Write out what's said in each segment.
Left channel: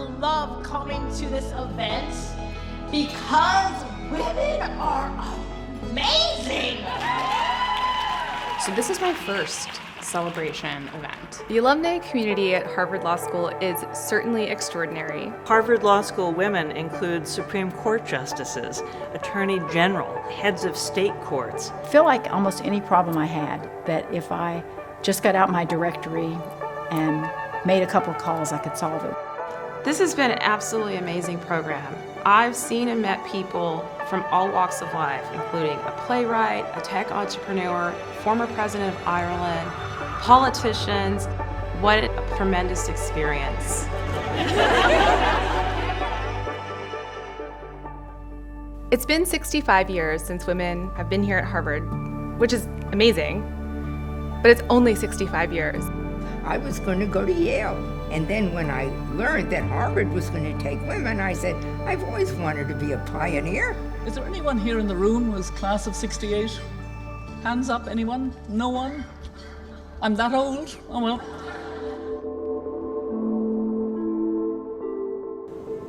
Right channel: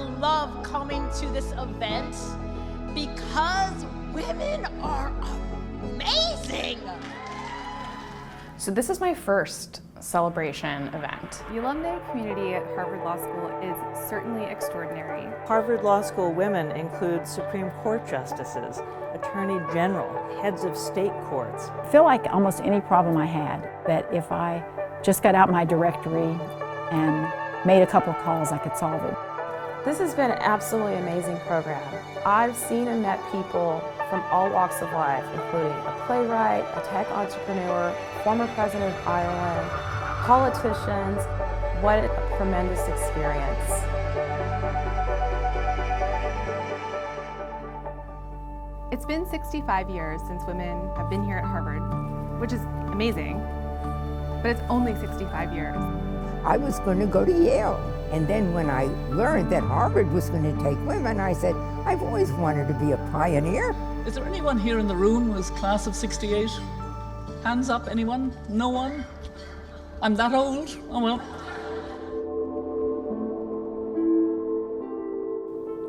love coming to this event because women are amazing. So this is my first celebration event. The alumni community at Harvard Law School is certainly extraordinary. Harvard Law School women include Supreme Court justices, attorney general, heads of state courts. I feel like almost any problem I had, that if I just got out my directory and made a couple of calls, I could solve it. This has been an absolutely amazing program. I've seen and met people from all walks of life, including a playwright, a tech entrepreneur, former president of Ireland, politicians. What a tremendous experience. It's been 65 years since women have been here at Harvard, which is amazing, but it's only 65 years. I was going to go to Yale, and then when I learned that Harvard was going to take women, I said, I've always wanted to be a pioneer. Is there anyone here in the room who was class of 68? Hands up, anyone? No one? I'm that old? Oh well.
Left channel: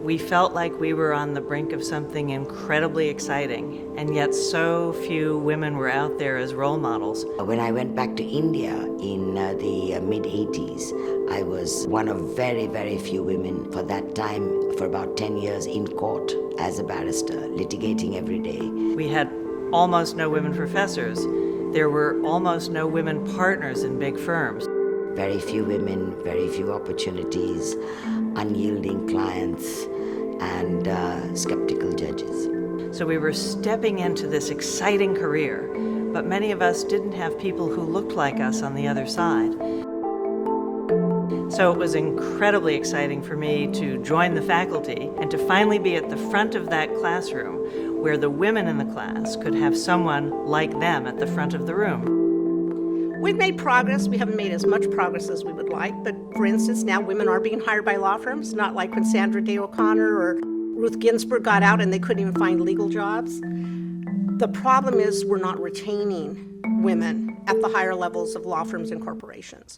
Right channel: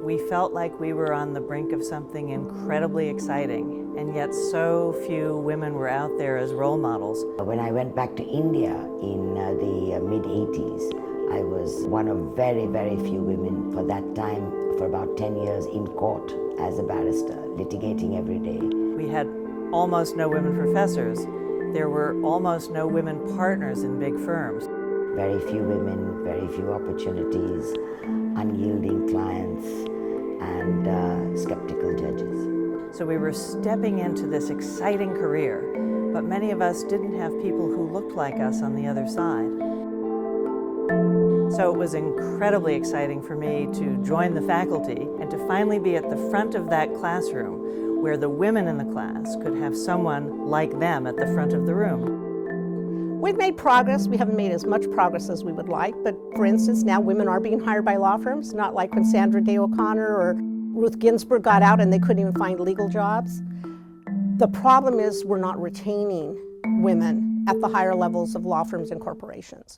We felt like we were on the brink of something incredibly exciting, and yet so few women were out there as role models. When I went back to India in the mid-80s, I was one of very, very few women for that time, for about 10 years in court as a barrister, litigating every day. We had almost no women professors. There were almost no women partners in big firms. Very few women, very few opportunities, unyielding clients, and skeptical judges. So we were stepping into this exciting career, but many of us didn't have people who looked like us on the other side. So it was incredibly exciting for me to join the faculty and to finally be at the front of that classroom where the women in the class could have someone like them at the front of the room. We've made progress. We haven't made as much progress as we would like, but for instance, now women are being hired by law firms, not like when Sandra Day O'Connor or Ruth Ginsburg got out and they couldn't even find legal jobs. The problem is we're not retaining women at the higher levels of law firms and corporations.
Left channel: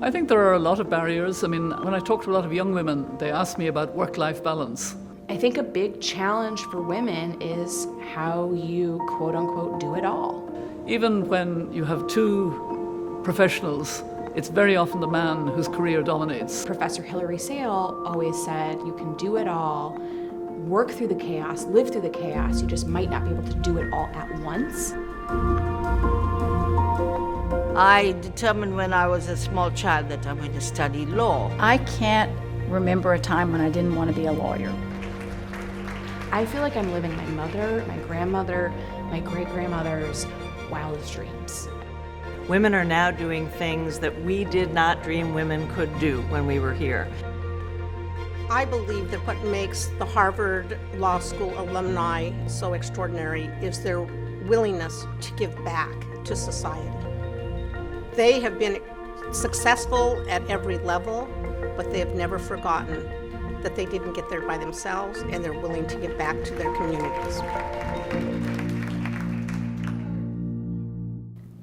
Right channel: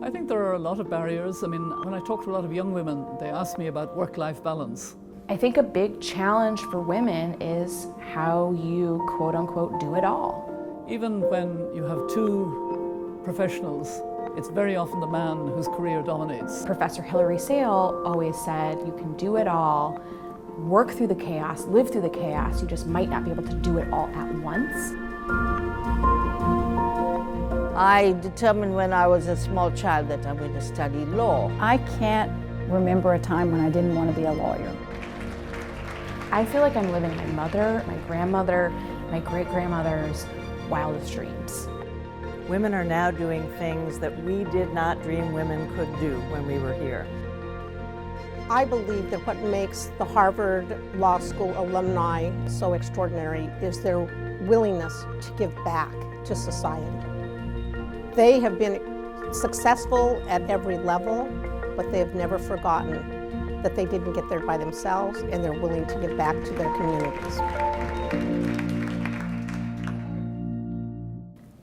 I think there are a lot of barriers. I mean, when I talk to a lot of young women, they ask me about work-life balance. I think a big challenge for women is how you quote unquote do it all. Even when you have two professionals, it's very often the man whose career dominates. Professor Hilary Sale always said you can do it all, work through the chaos, live through the chaos, you just might not be able to do it all at once. I determined when I was a small child that I'm going to study law. I can't remember a time when I didn't want to be a lawyer. I feel like I'm living my mother, my grandmother, my great-grandmother's wildest dreams. Women are now doing things that we did not dream women could do when we were here. I believe that what makes the Harvard Law School alumni so extraordinary is their willingness to give back to society. They have been successful at every level, but they have never forgotten that they didn't get there by themselves, and they're willing to give back to their communities.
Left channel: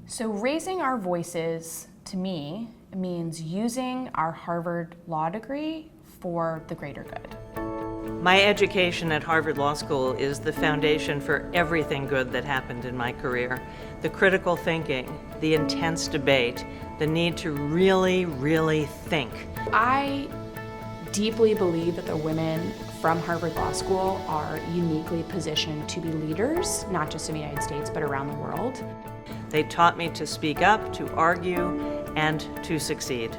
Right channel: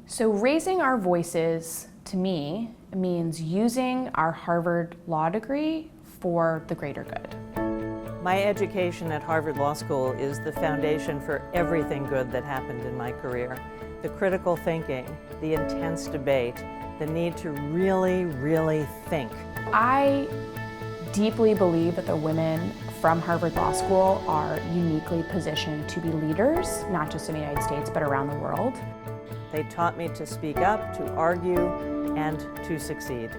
So raising our voices, to me, means using our Harvard law degree for the greater good. My education at Harvard Law School is the foundation for everything good that happened in my career. The critical thinking, the intense debate, the need to really, really think. I deeply believe that the women from Harvard Law School are uniquely positioned to be leaders, not just in the United States, but around the world. They taught me to speak up, to argue, and to succeed.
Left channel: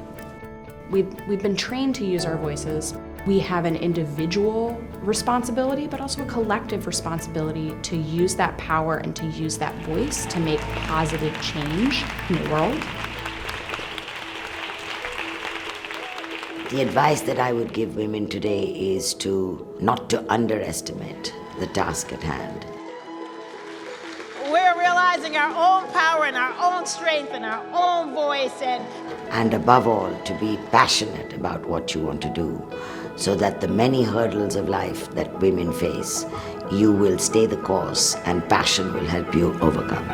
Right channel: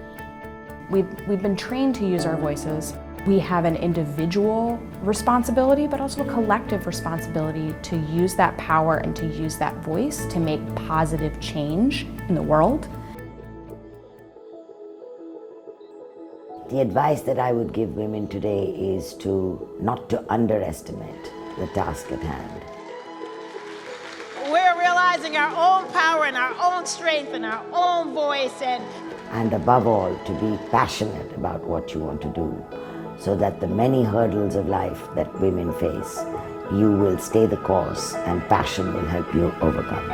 We've been trained to use our voices. We have an individual responsibility, but also a collective responsibility to use that power and to use that voice to make positive change in the world. The advice that I would give women today is not to underestimate the task at hand. We're realizing our own power and our own strength and our own voice. And above all, to be passionate about what you want to do, so that the many hurdles of life that women face, you will stay the course and passion will help you overcome.